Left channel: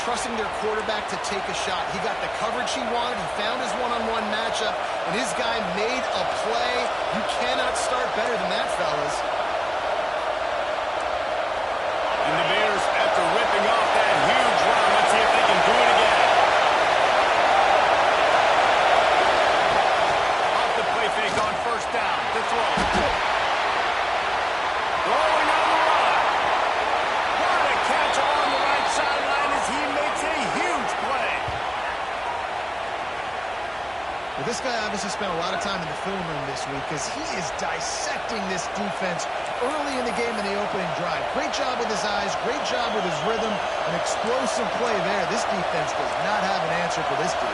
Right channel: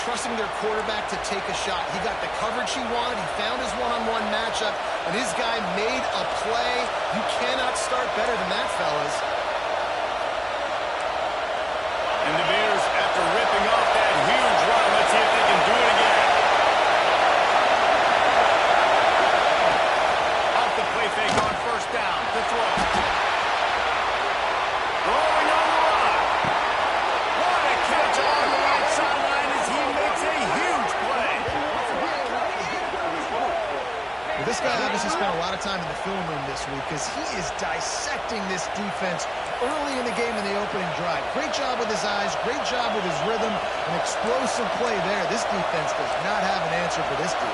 Trusting their quarterback to take a shot. He got the coverage he wanted. He found his one-on-one matchup, and his guy made a play. You cannot start better than that, fellas. And the Bears, after ripping off that huge run, let's see if they can do it again. Off the play fake on first down to throw. Throwing on the run. What a catch on the right sideline as he makes a huge play. Well, this guy obviously spent a lot of time in the film room this week because he is dissecting this defense early in the game in the opening drive. Great job with his eyes, great job with his rhythm, an explosive play there. This defense does not have an answer for this dude.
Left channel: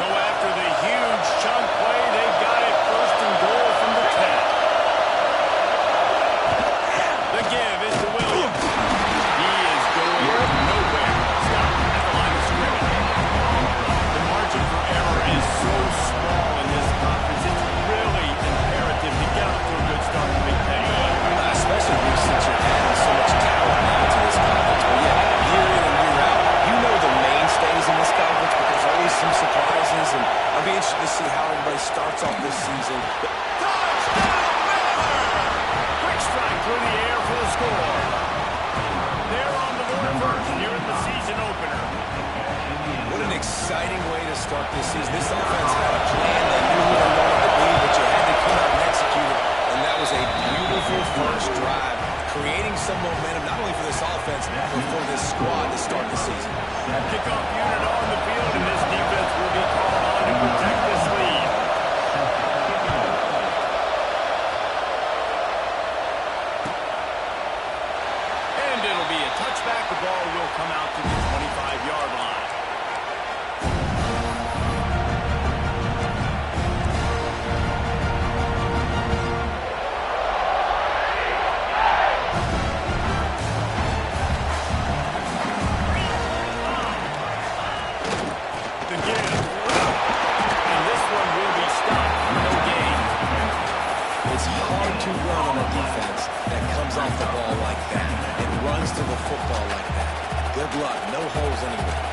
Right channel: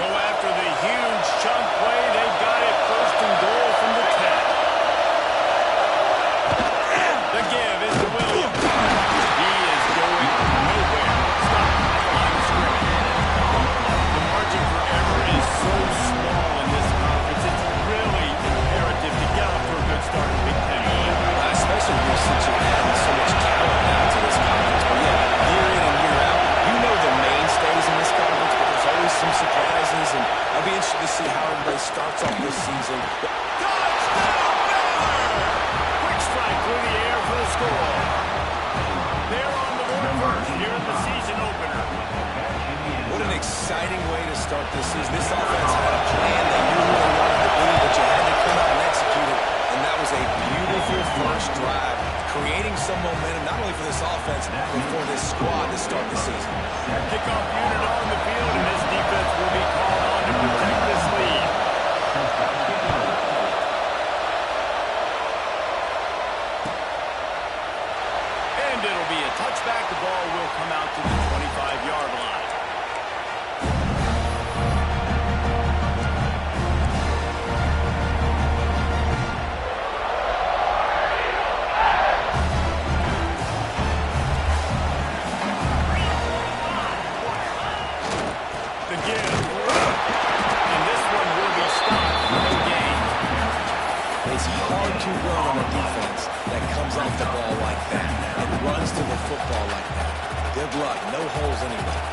So after the huge chunk play, they got it first and goal from the 10. The give is to Williams. He is going nowhere. Stop at the line of scrimmage. The margin for error is so small in this conference. It's really imperative to get off to a good start in Big Ten. Especially since you're adding so much talent now to this conference. Well, yeah, year in and year out, you know the mainstays in this conference, but there's always some surprises, and I'll be interested to see how everybody starts off this season. Touchdown, Baylor! Quick strike through the air for the score. They're on the board first here in the season opener. What an exciting way to start this season. This offense had a plan they knew who they wanted to be, but you had to come out and execute it. And that was a beautiful first drive, creating some momentum, not only for this offense, but for this squad to start the season. Kickoff unit on the field, and this defense will be called on to protect this lead. And it'll be a touchback. The ball will come out to the 25-yard line. To run on a defense that comes off the ball like that and runs to the football like that. Good luck. No holes anywhere.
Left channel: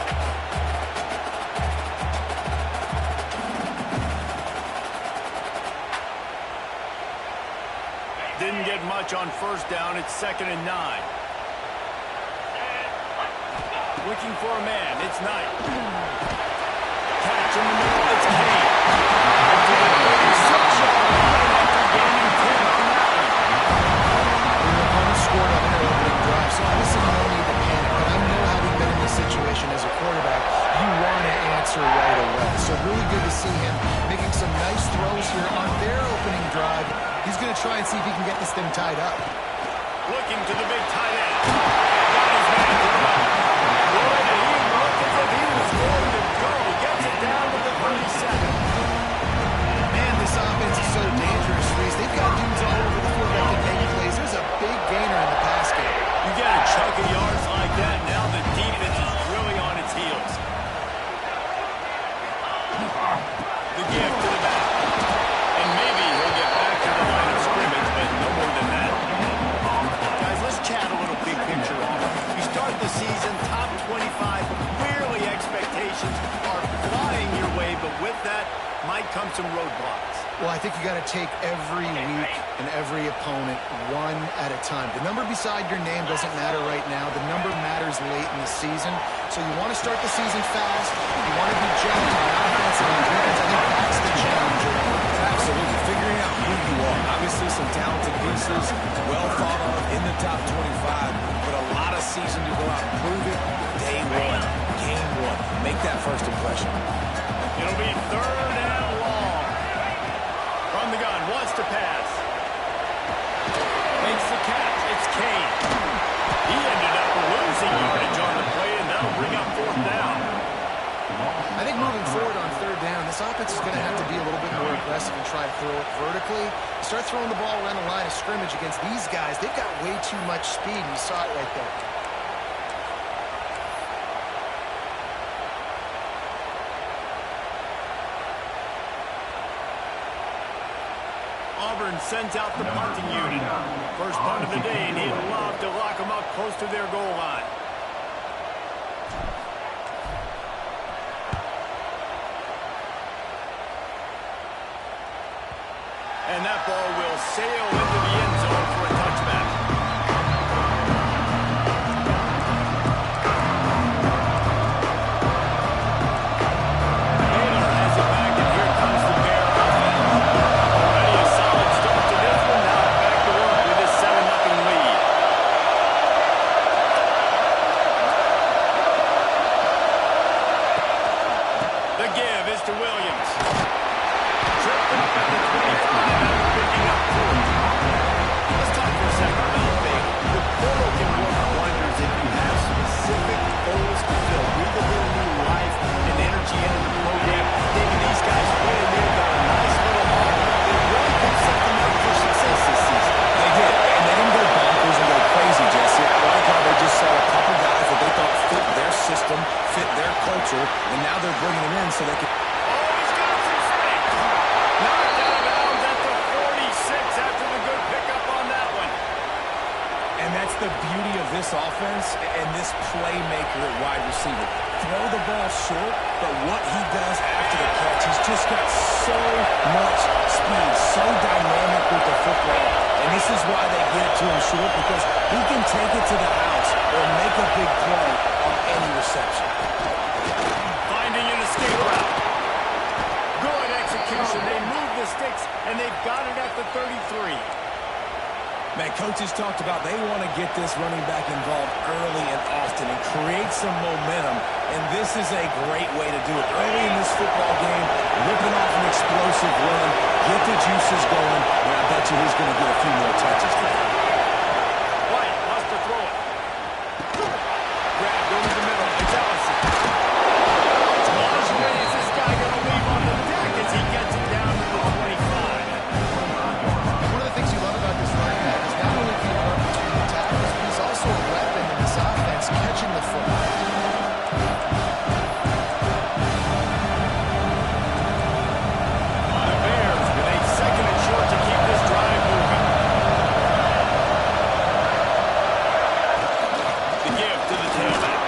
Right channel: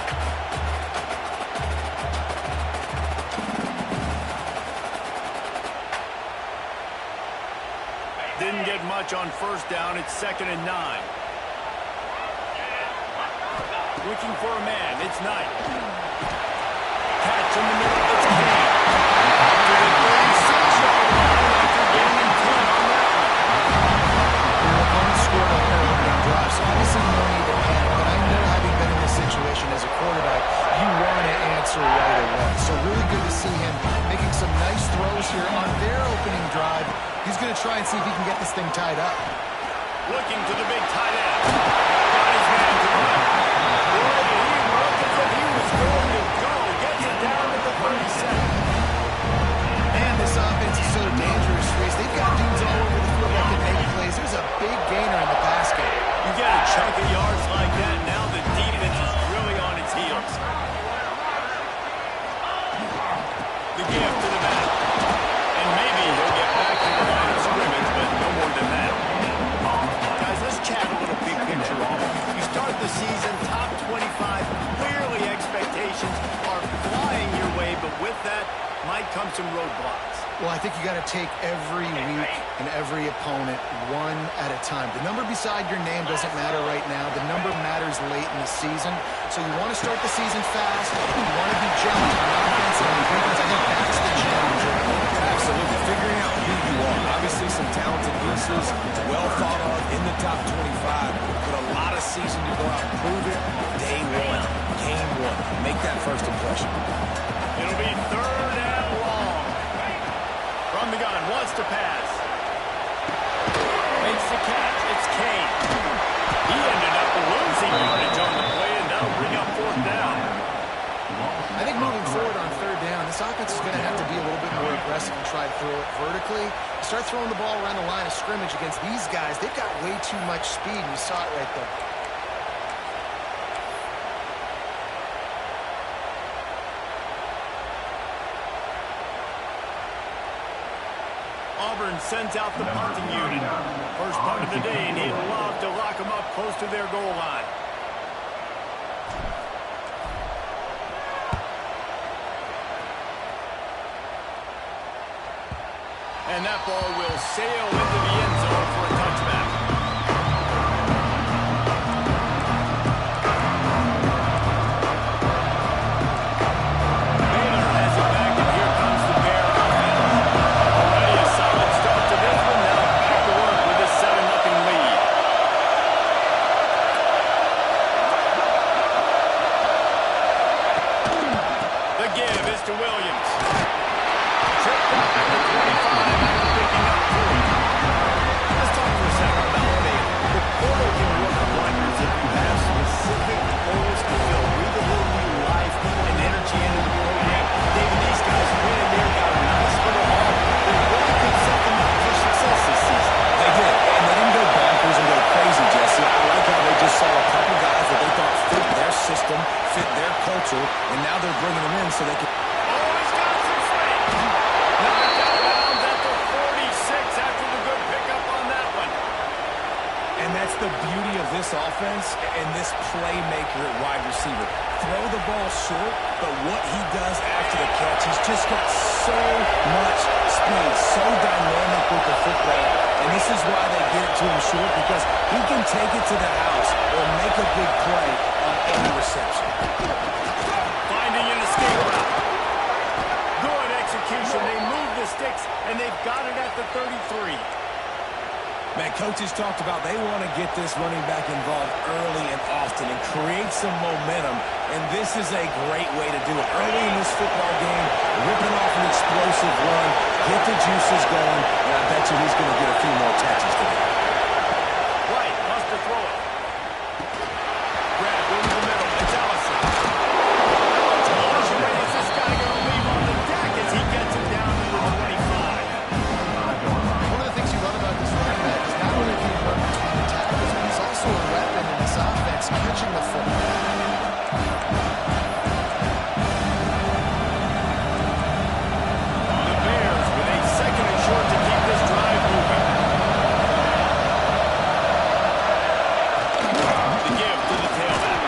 Didn't get much on first down. It's 2nd and 9. Looking for a man. It's Knight. Catch in the middle. It's Kane. To the 36-yard line after gaining 10 on that one. Your opponent scored on their opening drive, so obviously no need to panic. But I know, having been in this situation as a quarterback, you want to answer right away. So really good to see him making some nice throws here on their opening drive. He's going to try and see if he can get this thing tied up. Looking to the big tight end. Got his man to the left. Boy, did he look as if he was going to go. Gets it down to the 37. This offense is so dangerous, Reese. They've got dudes all over the field that can make plays. There's a big gainer in the pass game. You get a chunk of yards like that, now the defense is really on its heels. The give to the back. And maybe he'll get back to the line of scrimmage, but no more than that. Guys, let's chat a little big picture on it. You start the season top 25. Clearly expectations are flying your way, but with that might come some roadblocks. Well, I think you got to take every week and every opponent one at a time. The number beside your name doesn't matter right now. The number matters late in the season. So you want to start the season fast. You want to be gelling on offense and on defense. I think that's the challenge. Absolutely. Figuring out who you are. Obviously, some talented pieces, well thought of in the top 25, but a lot of season to go out and prove it. Day one, game one. Make that first impression. It'll be 3rd and long. From the gun, wants to pass. Makes the catch. It's Kane. He ended up losing yardage on the play, and that'll bring up 4th down. I think moving forward on 3rd down, this offense is going to have to be a little bit more aggressive and try to throw it vertically. Start throwing the ball around the line of scrimmage against these guys. They've got way too much speed, and you saw it right there. Auburn sends out the punting unit. First punt of the day, and he'd love to lock them up close to their goal line. And that ball will sail into the end zone for a touchback. Baylor has it back, and here comes the Bear offense. Already a solid start to this one. Now back to work with this 7-0 lead. The give is to Williams. Tripped up at the 25 after picking up 4. Let's talk for a second about Baylor. The portal can work wonders if you have specific goals to fill. Breathe a little new life and energy into the program. David, these guys went in there, got a nice little haul. They really could set them up for success this season. They did, and they didn't go bonkers and go crazy, Jesse. I like how they just saw a couple guys that they thought fit their system, fit their culture, and now they're bringing them in so they can... Knocked out of bounds at the 46 after the good pickup on that one. And that's the beauty of this offense and this playmaker at wide receiver. Throw the ball short, but what he does after the catch, he's just got so much speed, so dynamic with the football. And this is why they get it to him short, because he can take it to the house or make a big play on any reception. Finding an escape route. Good execution. They move the sticks, and they've got it at the 33. Man, coaches talked about they want to get this running back involved early and often and create some momentum, and this is a great way to do it. Early in this football game, ripping off an explosive run, get the juices going, and I bet you he's going to get a few more touches today. White wants to throw it. Grabbed over the middle. It's Ellison. How much weight is this guy going to leave on the deck as he gets it down to the 25? One of the things you love about this running back is not only can he run between the tackles, but he's also a weapon in this offense, catching the football. The Bears with a 2nd and short to keep this drive moving. The give to the tailback.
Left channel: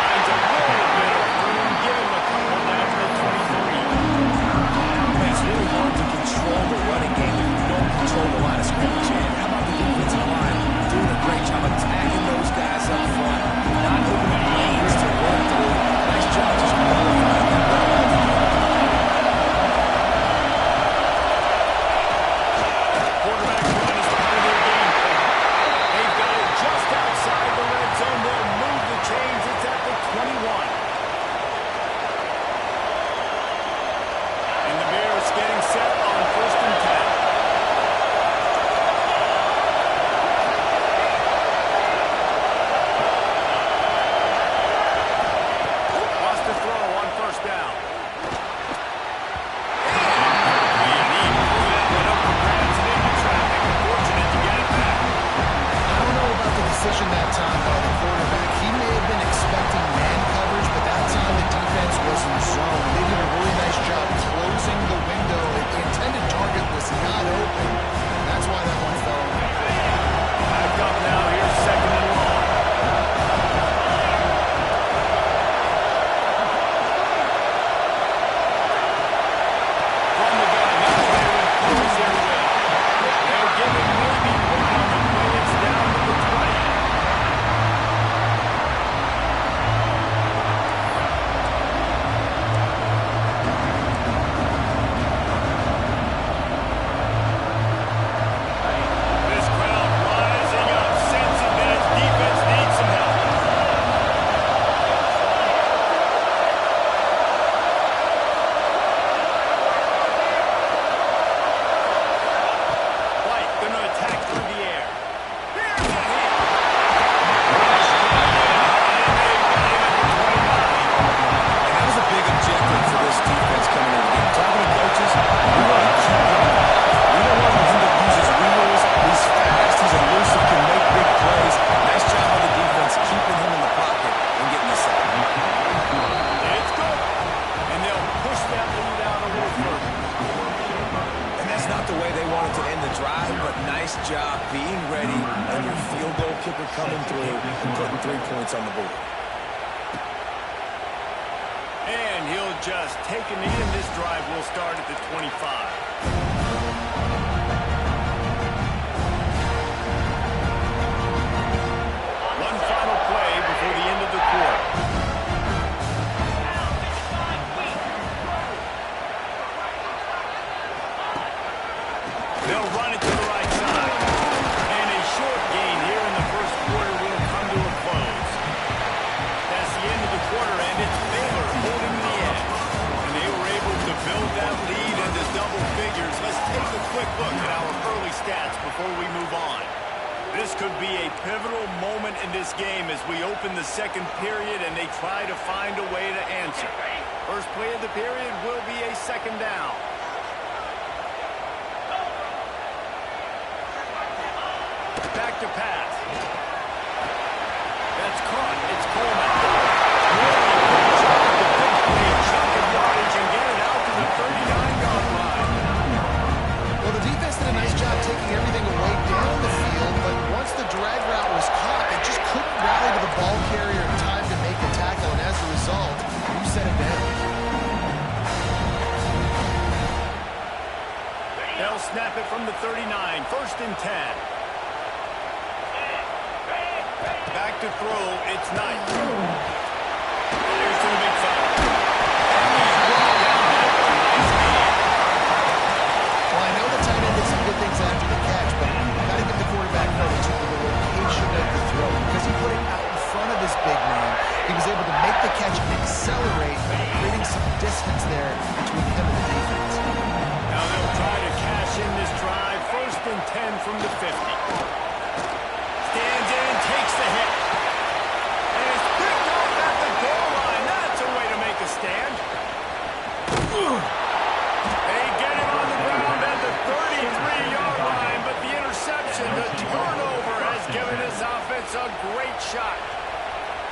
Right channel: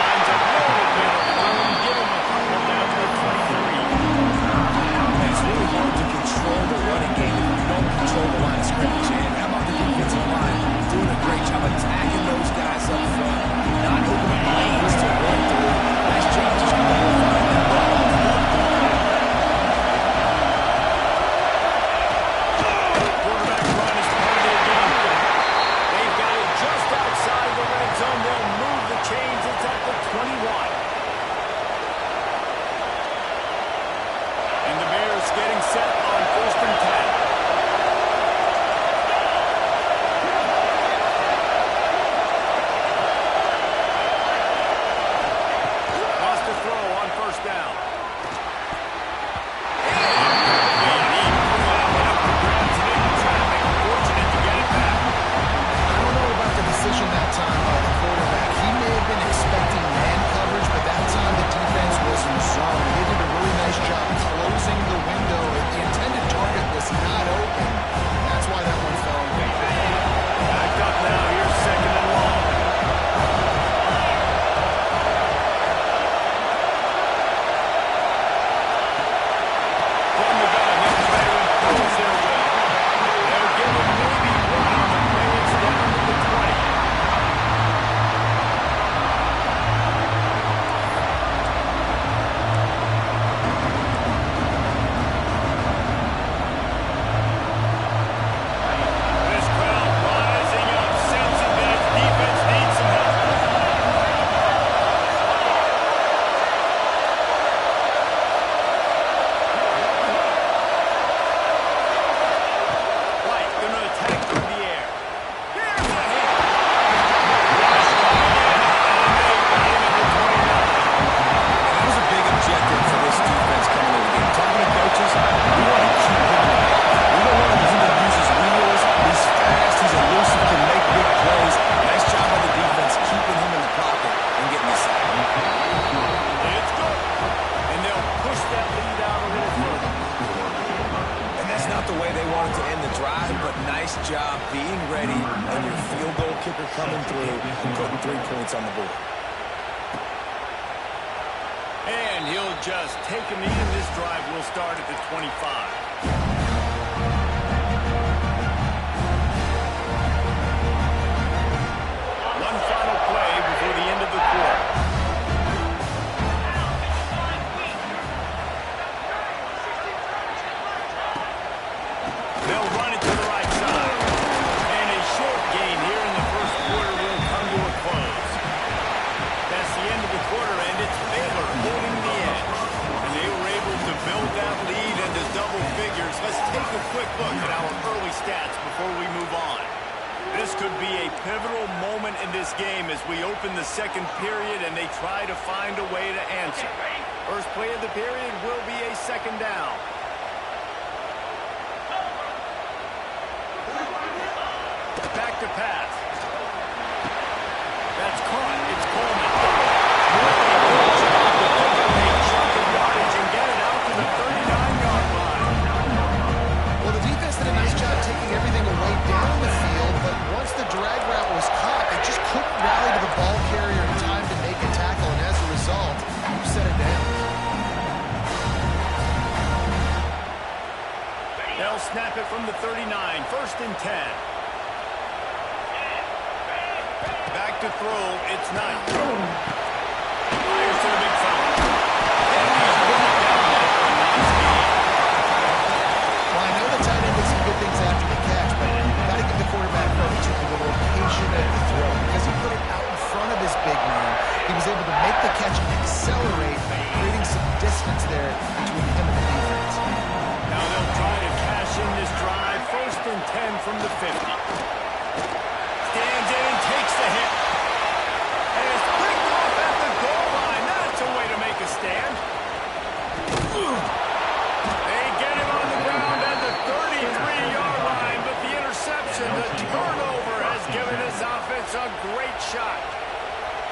Finds a little bit of room. Give him a couple down to the 23. It's really hard to control the running game if you don't control the line of scrimmage. And how about the defensive line doing a great job attacking those guys up front, not opening lanes to run through. Nice job just qualifying that well. Quarterback run is part of their game plan. They've got it just outside the red zone. They'll move the chains. It's at the 21. And the Bears getting set on 1st and 10. Wants to throw on 1st down. And he threw that one up for grabs and into traffic. Fortunate to get it back. I don't know about the decision that time by the quarterback. He may have been expecting man coverage, but that time the defense was in zone. They did a really nice job closing the window. The intended target was not open. That's why that one fell. Back up now. Here's 2nd and long. out a little further. And that's not the way they wanted to end the drive, but nice job being ready and your field goal kicker coming through and putting 3 points on the board. And he'll just take a knee, and this drive will start at the 25. One final play before the end of the quarter. They'll run it to the right side. And a short gain here in the first quarter will come to a close. That's the end of the quarter, and it's Baylor holding the edge. And they were able to build that lead into double figures. Let's take a quick look at our early stats before we move on. This could be a pivotal moment in this game as we open the second period and they try to find a way to answer. First play of the period will be a second down. Back to pass. That's caught. It's Coleman. Really good job to pick up a chunk of yardage and get it out to the 39-yard line. Well, the defense did a nice job taking everything away down the field, but once the drag route was caught, they just couldn't rally to the ball carrier in time to make a tackle, and as a result, you set it down. They'll snap it from the 39, 1st and 10. Back to throw, it's Knight. Fires to the big fella. And he's brought down after a nice game. Well, I know the tight end did some good things after the catch, but you've got to give the quarterback credit to the location of the throw. Because he put it out in front of his big man, he was able to make the catch and accelerate, creating some distance there between him and the defense. Now they'll try to cash in this drive, 1st and 10 from the 50. Stands in and takes the hit. And it's picked off at the goal line. That's a way to make a stand. They get him on the ground at the 33-yard line, but the interception, the turnover, has given this offense a great shot.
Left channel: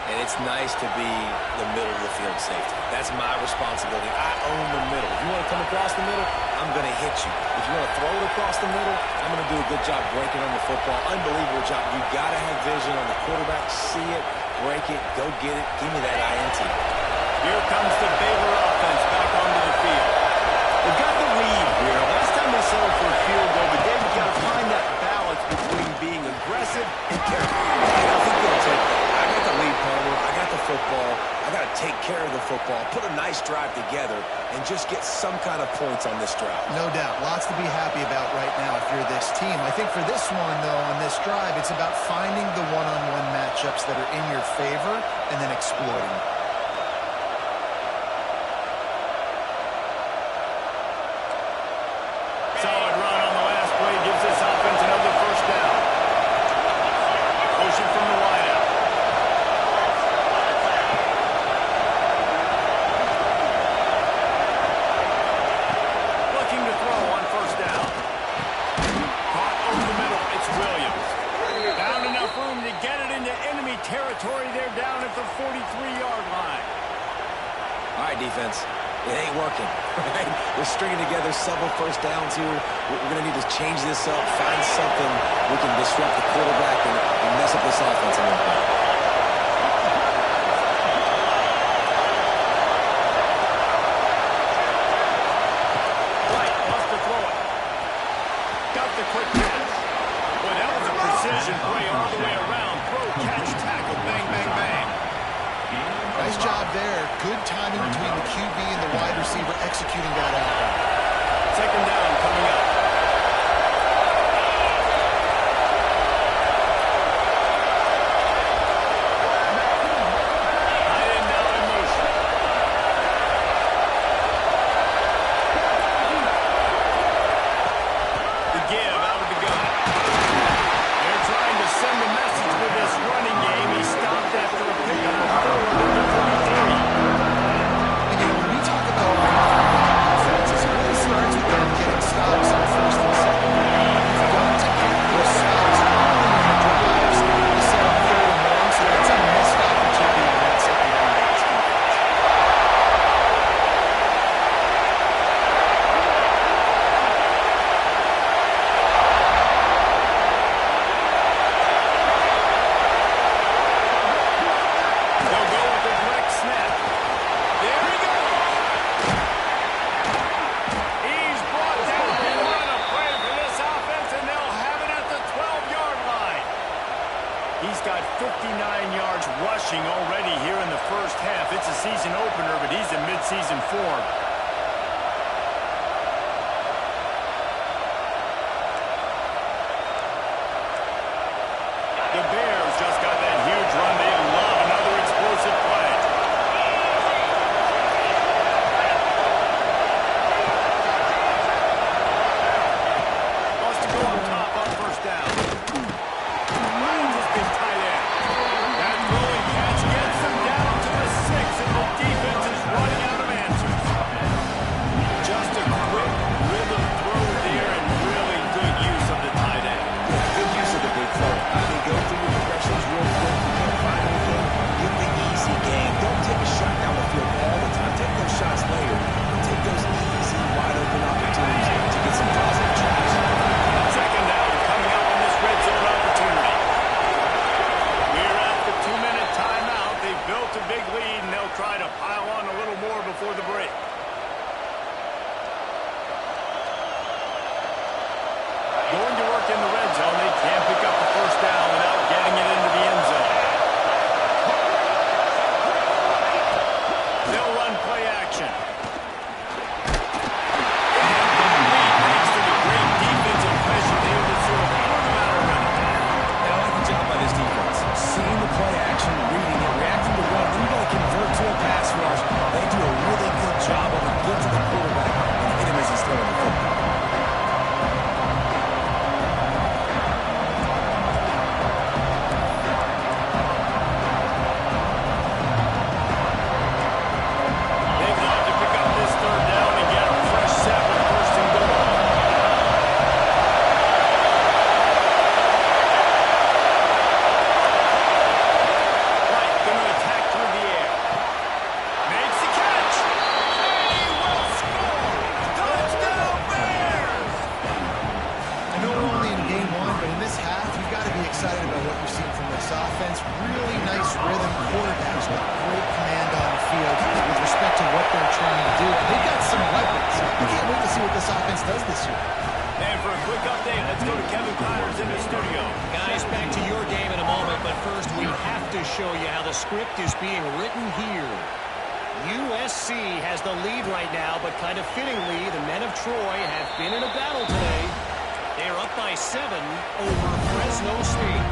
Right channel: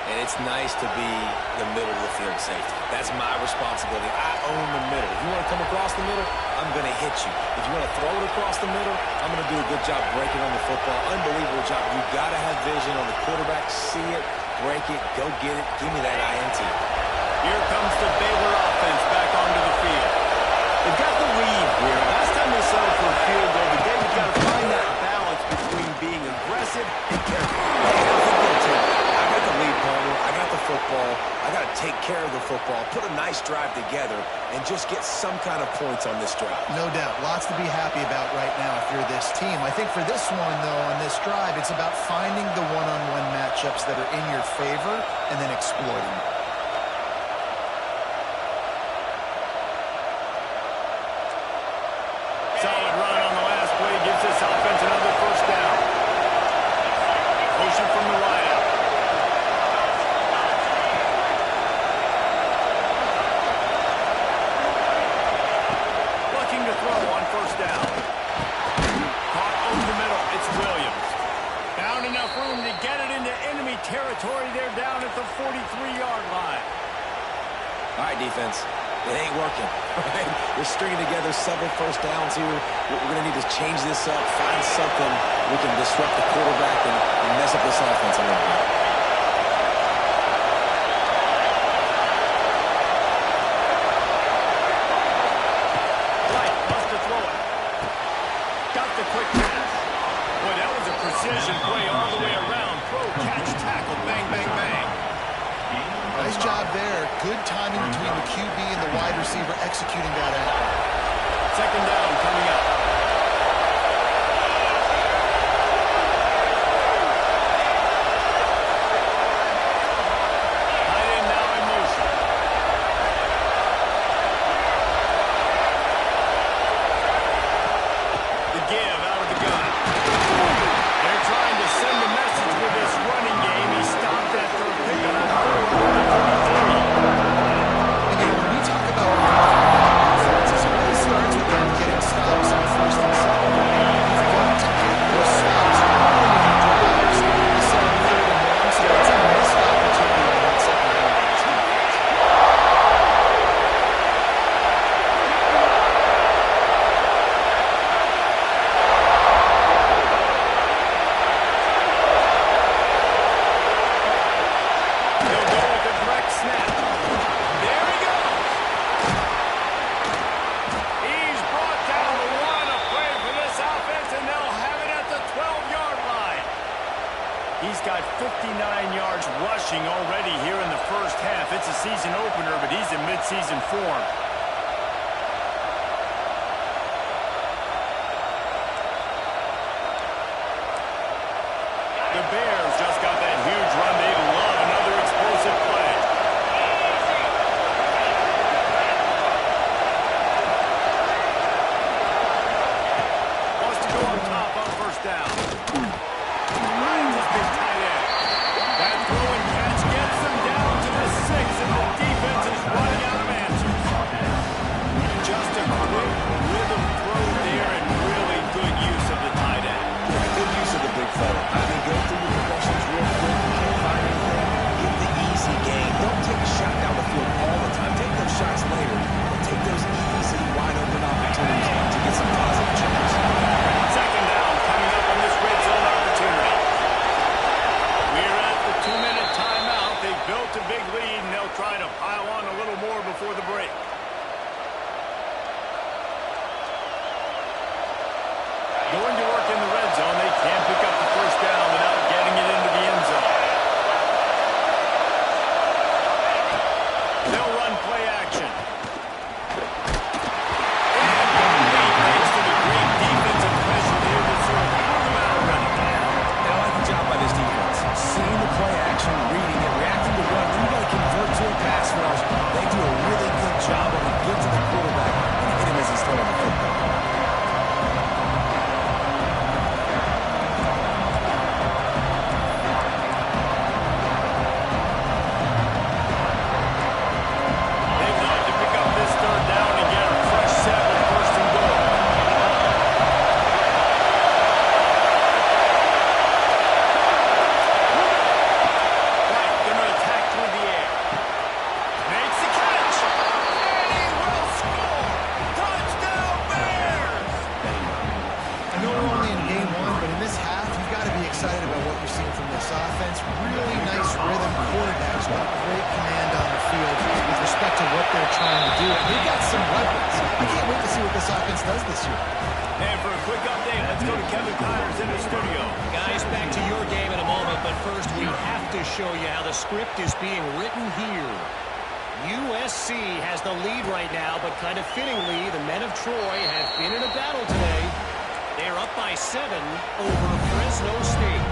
And it's nice to be the middle of the field safety. That's my responsibility. I own the middle. If you want to come across the middle, I'm going to hit you. If you want to throw it across the middle, I'm going to do a good job breaking on the football. Unbelievable job. You got to have vision on the quarterback. See it, break it, go get it. Give me that INT. Here comes the Baylor offense back onto the field. They've got the lead here. Last time they settled for a field goal, but they've got to find that balance between being aggressive and careful. And I think they'll take it. I got the lead, Palmer. I got the football. I got to take care of the football, put a nice drive together, and just get some kind of points on this drive. No doubt. Lots to be happy about right now if you're this team. I think for this one, though, on this drive, it's about finding the one-on-one matchups that are in your favor and then exploiting them. Solid run on the last play gives this offense another 1st down. Motion from the wideout. Looking to throw on 1st down. Caught over the middle. It's Williams. Found enough room to get it into enemy territory. They're down at the 43-yard line. All right, defense. It ain't working, right? We're stringing together several 1st downs here. We're going to need to change this up, find something we can disrupt the quarterback and mess up this offense a little bit. Right, wants to throw it. Got the quick pass. Boy, that was a precision play all the way around. Throw, catch, tackle, bang, bang, bang. Nice job there. Good timing between the QB and the wide receiver executing that out. 2nd down coming up. Tight end now in motion. The give out of the gun. They're trying to send a message with this running game. He stopped after a pickup of 4 to the 33. And, when we talk about offenses, it really starts with them getting stops on 59 yards rushing already here in the first half. It's a season opener, but he's in mid-season form. The Bears just got that huge run. They love another explosive play. Wants to go on top on first down. Finds his big tight end. That throwing catch gets him down to the 6, and the defense is running out of answers. Just a quick rhythm throw there, and really good use of the tight end. Yeah, good use of the big fella. I mean, go through your progressions real quick. You can't find anything. Get the easy gain. Don't take a shot down the field all the time. Take those shots later, but take those easy, wide-open opportunities to get some positive chances. Second down coming up on this red zone opportunity. We're at the 2-minute timeout. They've built a big lead, and they'll try to pile on a little more before the break. Going to work in the red zone. They can't pick up the first down without getting it into the end zone. They'll run play action. Incomplete thanks to the great defensive pressure there that sort of threw them out already. And I like the job by this defense. Seeing the play action, reading it, reacting to run. Then you got to convert to a pass rush. They do a really good job of it. Get to the quarterback and hit him as he's throwing the football. Offense, really nice rhythm. Quarterbacks got great command on the field with respect to what they're trying to do. And they've got some weapons. I can't wait to see what this offense does this year. And for a quick update, let's go to Kevin Connors in the studio. Guys, back to your game in a moment, but first we have to show you how the script is being written here. USC has the lead right now, but kind of fittingly, the men of Troy have been in a battle today. They're up by 7 over Fresno State.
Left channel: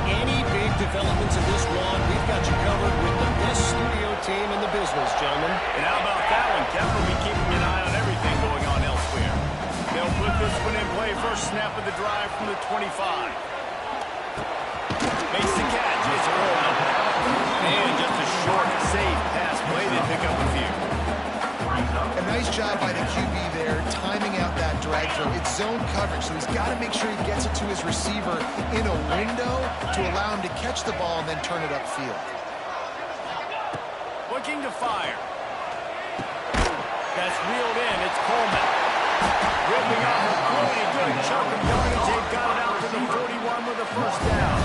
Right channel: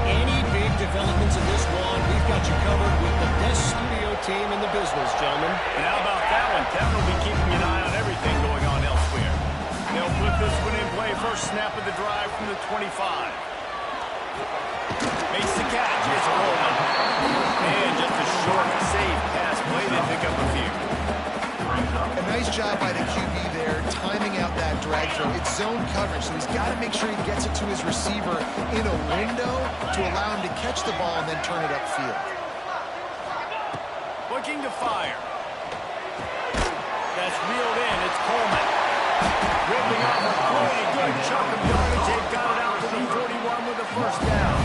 Any big developments in this one, we've got you covered with the best studio team in the business, gentlemen. And how about that one? Kevin will be keeping an eye on everything going on elsewhere. They'll put this one in play. First snap of the drive from the 25. Makes the catch. It's Coleman. And just a short, safe pass play. They pick up a few. A nice job by the QB there, timing out that drag throw. It's zone coverage, so he's got to make sure he gets it to his receiver in a window to allow him to catch the ball and then turn it upfield. Looking to fire. That's reeled in. It's Coleman. Ripping off a pretty good chunk of yardage. They've got it out to the 41 with a first down.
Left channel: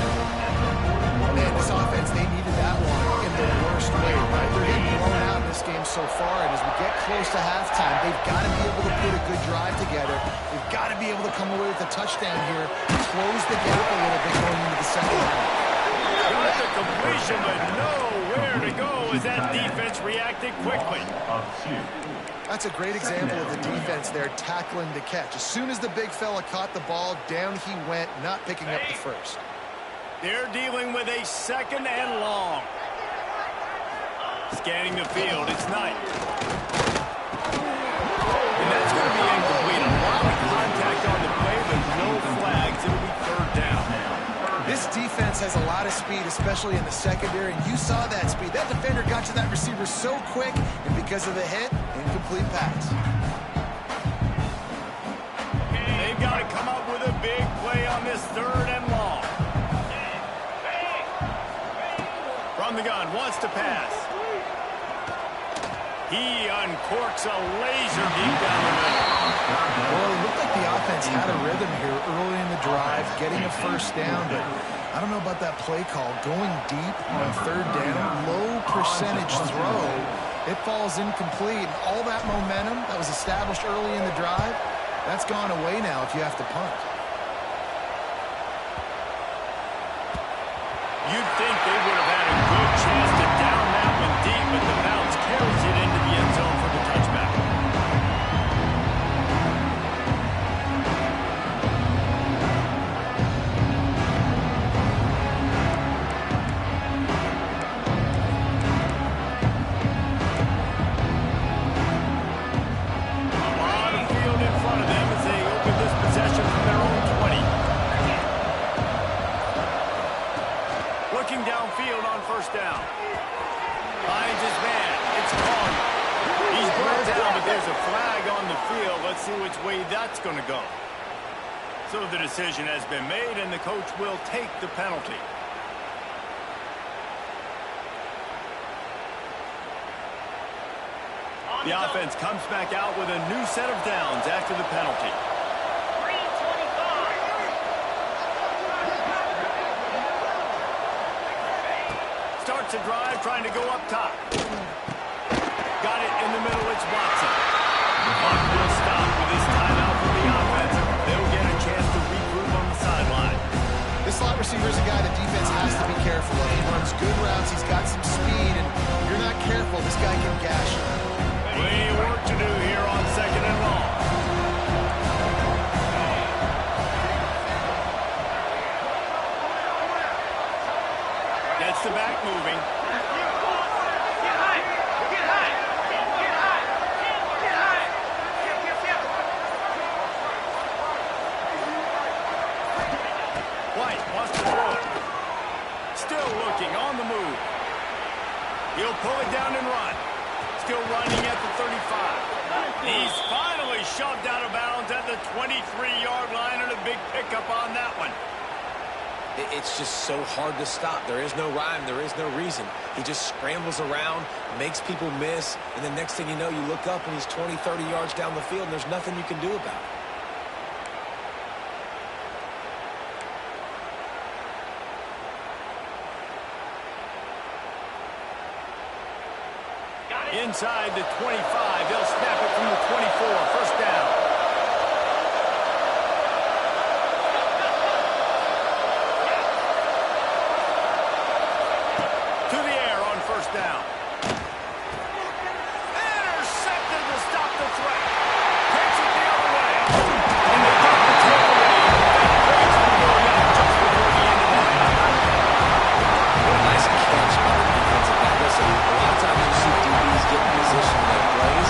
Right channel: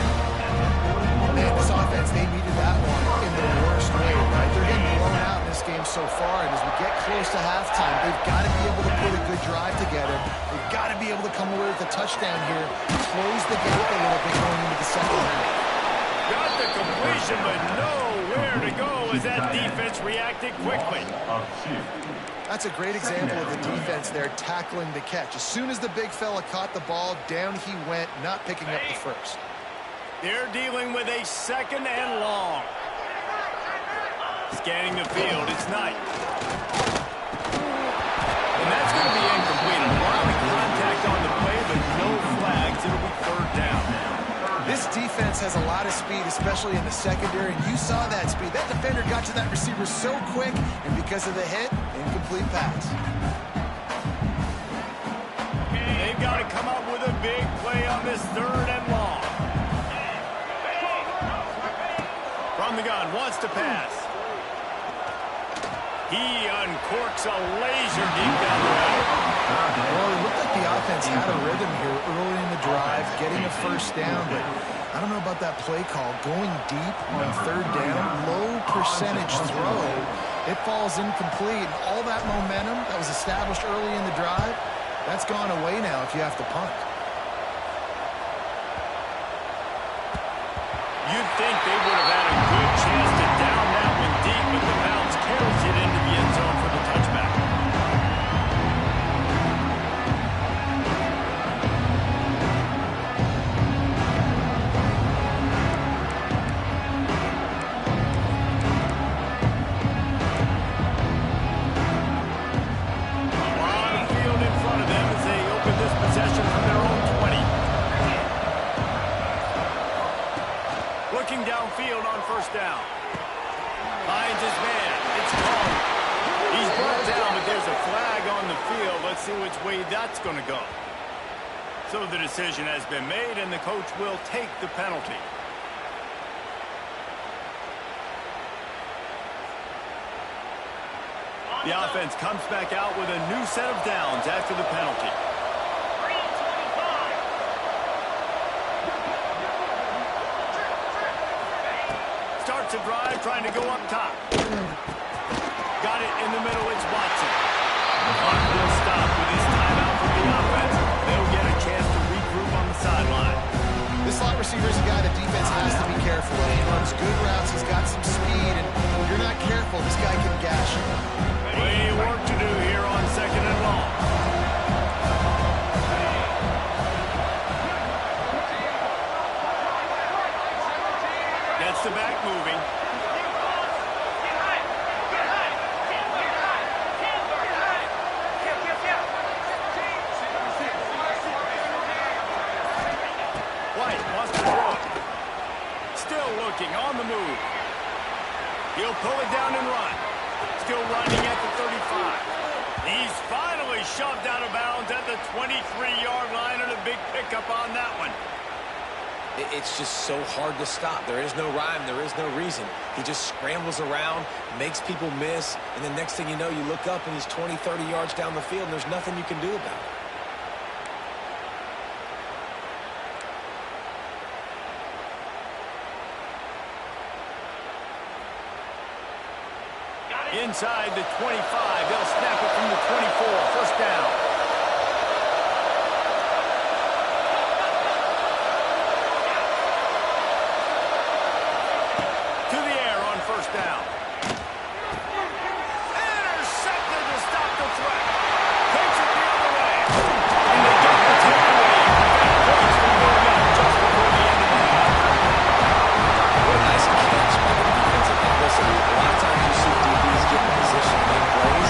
Man, this offense, they needed that one in the worst way, right? They're getting blown out in this game so far, and as we get close to halftime, they've got to be able to put a good drive together. They've got to be able to come away with a touchdown here, close the gap a little bit going into the second half. Got the completion, but nowhere to go as that defense reacted quickly. That's a great example of the defense there tackling the catch. As soon as the big fella caught the ball, down he went, not picking up the first. They're dealing with a second and long. Scanning the field, it's Knight. And that's going to be incomplete. A lot of contact on the play, but no flags. It'll be third down. This defense has a lot of speed, especially in the secondary, and you saw that speed. That defender got to that receiver so quick, and because of the hit, incomplete pass. They've got to come up with a big play on this third and long. From the gun, wants to pass. He uncorks a laser deep down the middle. Well, it looked like the offense had a rhythm here early in the drive, getting a first down, but I don't know about that play call. Going deep on third down, low percentage throw, it falls incomplete. And all that momentum that was established early in the drive, that's gone away now if you have to punt. You'd think they would have had a good chance to down that one deep, but the bounce carries it into the end zone for the touchback. A lot of field in front of them as they open this possession from their own 20. Looking downfield on first down. Finds his man. It's called. He's brought down, but there's a flag on the field. Let's see which way that's going to go. So the decision has been made, and the coach will take the penalty. The offense comes back out with a new set of downs after the penalty. Starts a drive, trying to go up top. Got it in the middle, it's Watson. The clock will stop with his timeout from the offense. They'll get a chance to regroup on the sideline. This slot receiver is a guy the defense has to be careful of. He runs good routes, he's got some speed, and if you're not careful, this guy can gash you. Plenty of work to do here on second and long. Gets the back moving. White wants to throw it. Still looking on the move. He'll pull it down and run. Still running at the 35. He's finally shoved out of bounds at the 23-yard line, and a big pickup on that one. It's just so hard to stop. There is no rhyme. There is no reason. He just scrambles around, makes people miss, and the next thing you know, you look up and he's 20, 30 yards down the field, and there's nothing you can do about it. Inside the 25, they'll snap it from the 24, first down. To the air on first down. Intercepted to stop the threat. Takes it the other way. And they get the takeaway and prevent points from going up just before the end of the half. What a nice catch by the defensive back. Listen, a lot of times you see DBs get in position to make plays,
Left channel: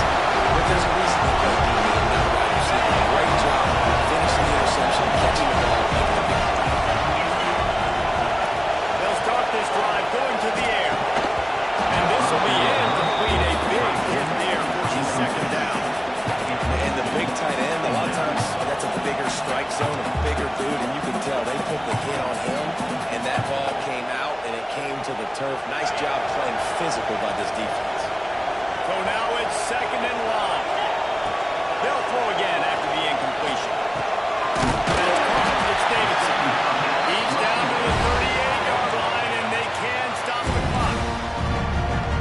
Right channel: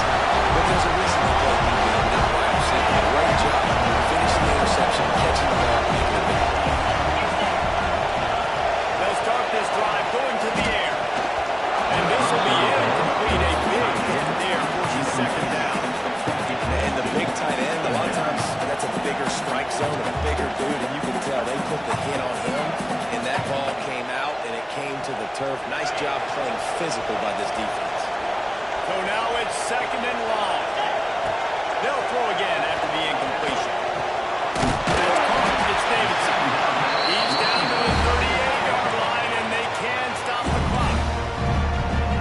but there's a reason they play DB and not wide receiver. Great job finishing the interception, catching the ball, making a big play. They'll start this drive going to the air. And this will be incomplete. A big hit there for his second down. And the big tight end, a lot of times that's a bigger strike zone, a bigger dude, and you can tell they put the hit on him, and that ball came out, and it came to the turf. Nice job playing physical by this defense. So now it's second and long. They'll throw again after the incompletion. That's caught. It's Davidson. He's down to the 38-yard line, and they can stop the clock.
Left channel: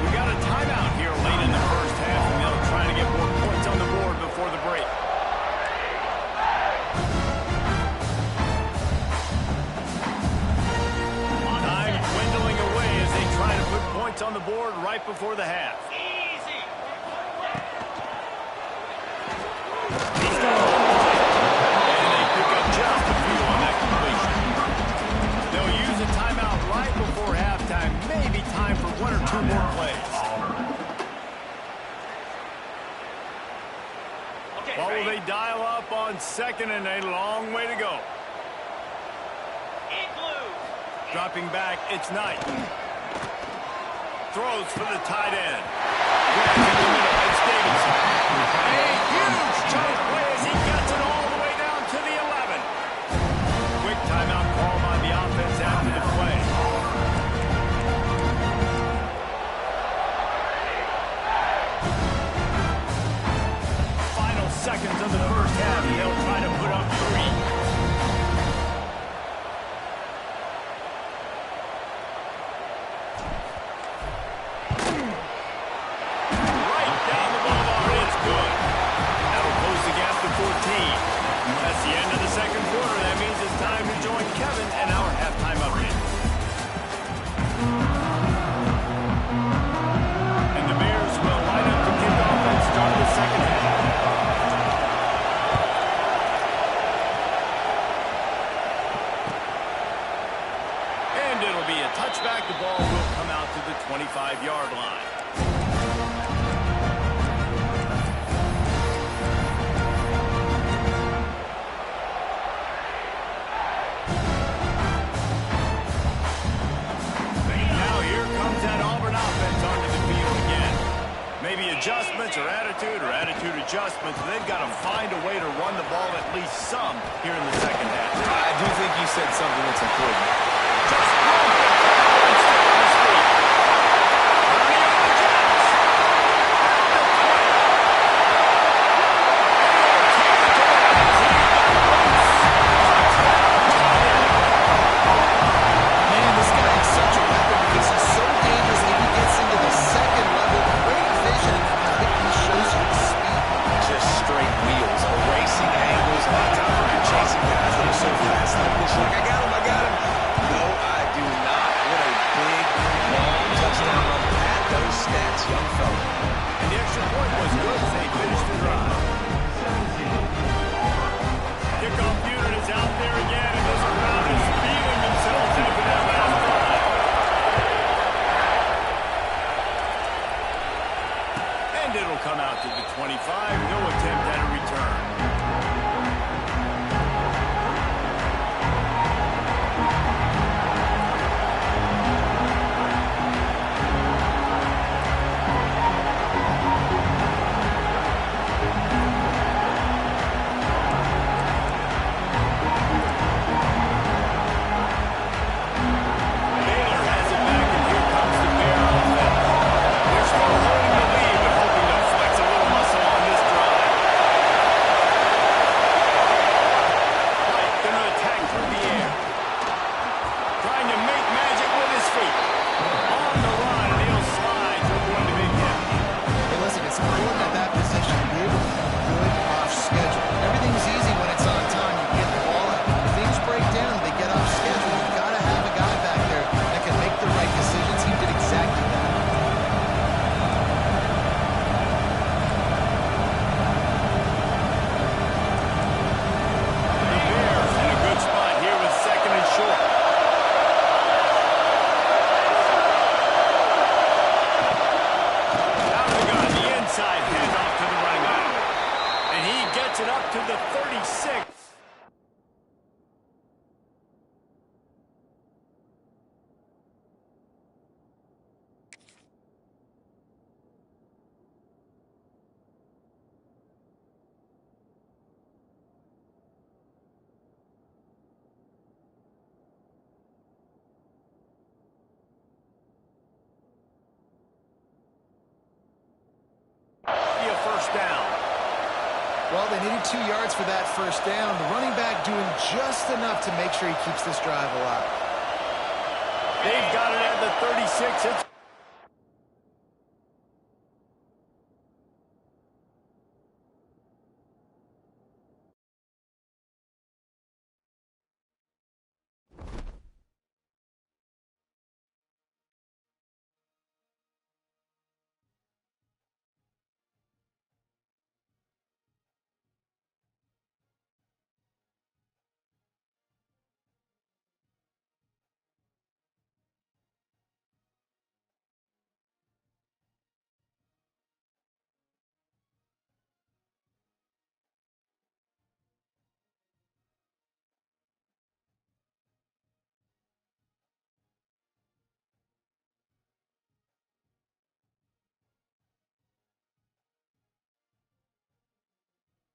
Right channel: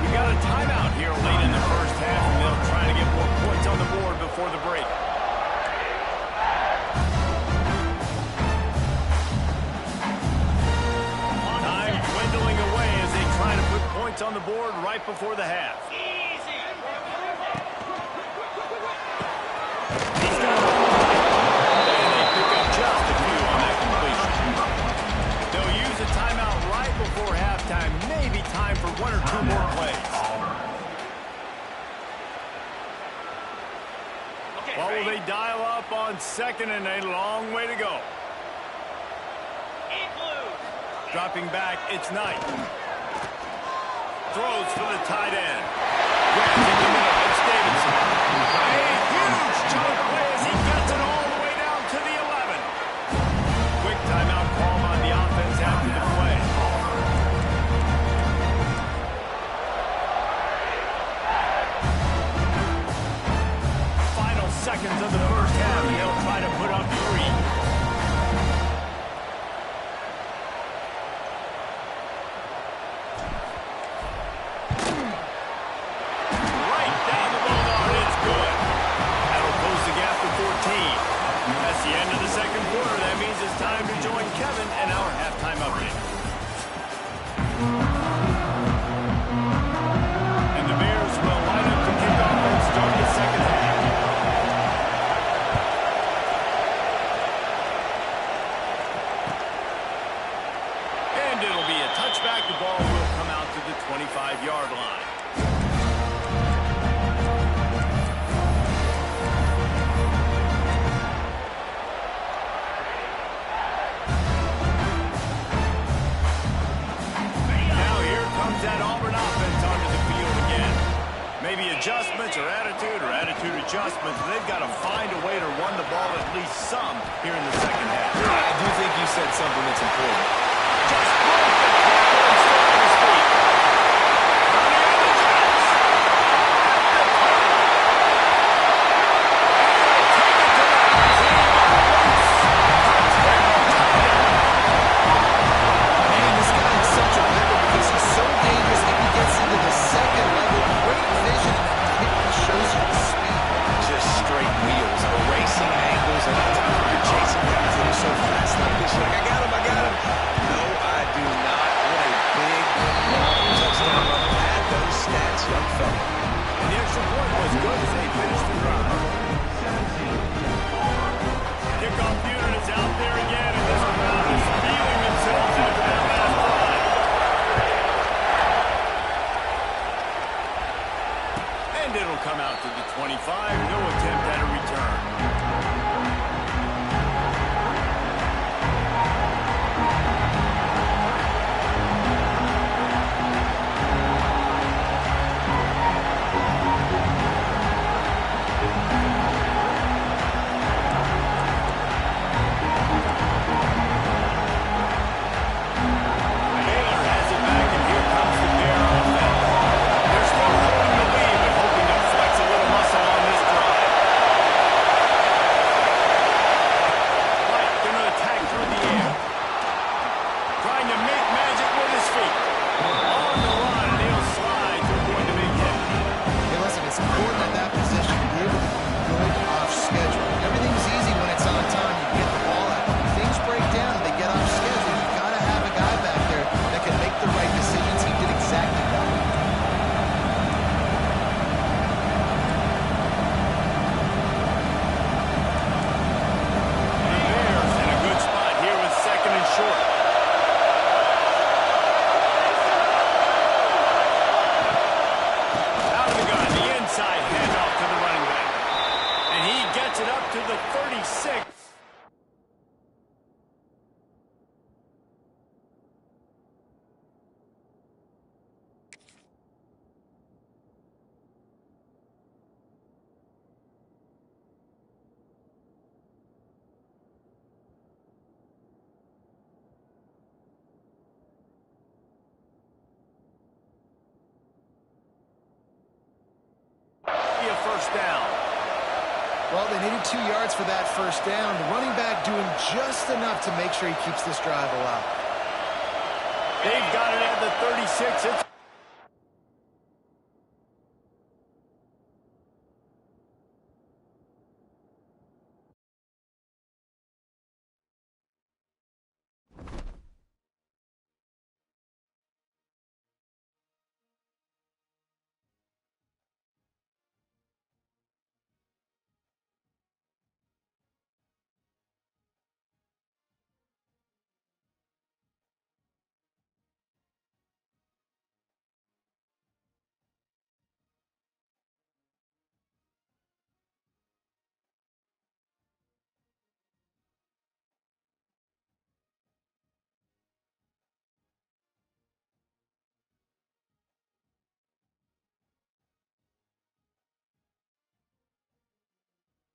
We got a timeout here late in the first half, and they'll try to get more points on the board before the break. Time dwindling away as they try to put points on the board right before the half. He's got it on the line. And they pick up just a few on that completion. They'll use a timeout right before halftime. Maybe time for one or two more plays. What will they dial up on second, and a long way to go? Dropping back, it's Knight. Throws for the tight end. Grabs in the middle, it's Davidson. A huge chunk play as he gets it all the way down to the 11. Quick timeout call by the offense after the play. Final seconds of the first half, and they'll try to put up 3. That's the end of the second quarter. That means it's time to join Kevin and our halftime update. And the Bears will line up to kick off and start the second half. And it'll be a touchback. The ball will come out to the 25-yard line. Now here comes that Auburn offense onto the field again. Maybe adjustments or attitude adjustments. They've got to find a way to run the ball at least some here in the second half. I do think you said something that's important. Just broke the tackle and still on his feet. Running on the Jets. At the 20. And he'll take it to the house. He got loose. Touchdown, Tiger. Man, this guy is such a weapon because he's so dangerous if he gets into the second level. Great vision, and he shows you the speed. Just straight wheels, erasing angles. A lot of times when you're chasing guys that are so fast like this, you're like, I got him. No, I do not. What a big, long touchdown run. Add those stats, young fella. And the extra point was good as they finished the drive. Kickoff unit is out there again, and this crowd is feeling themselves after that last drive. And it'll come out to the 25. No attempt at a return. It up to the 36. A first down. Well, they needed 2 yards for that first down. The running back doing just enough to make sure he keeps this drive alive. They've got it at the 36. It's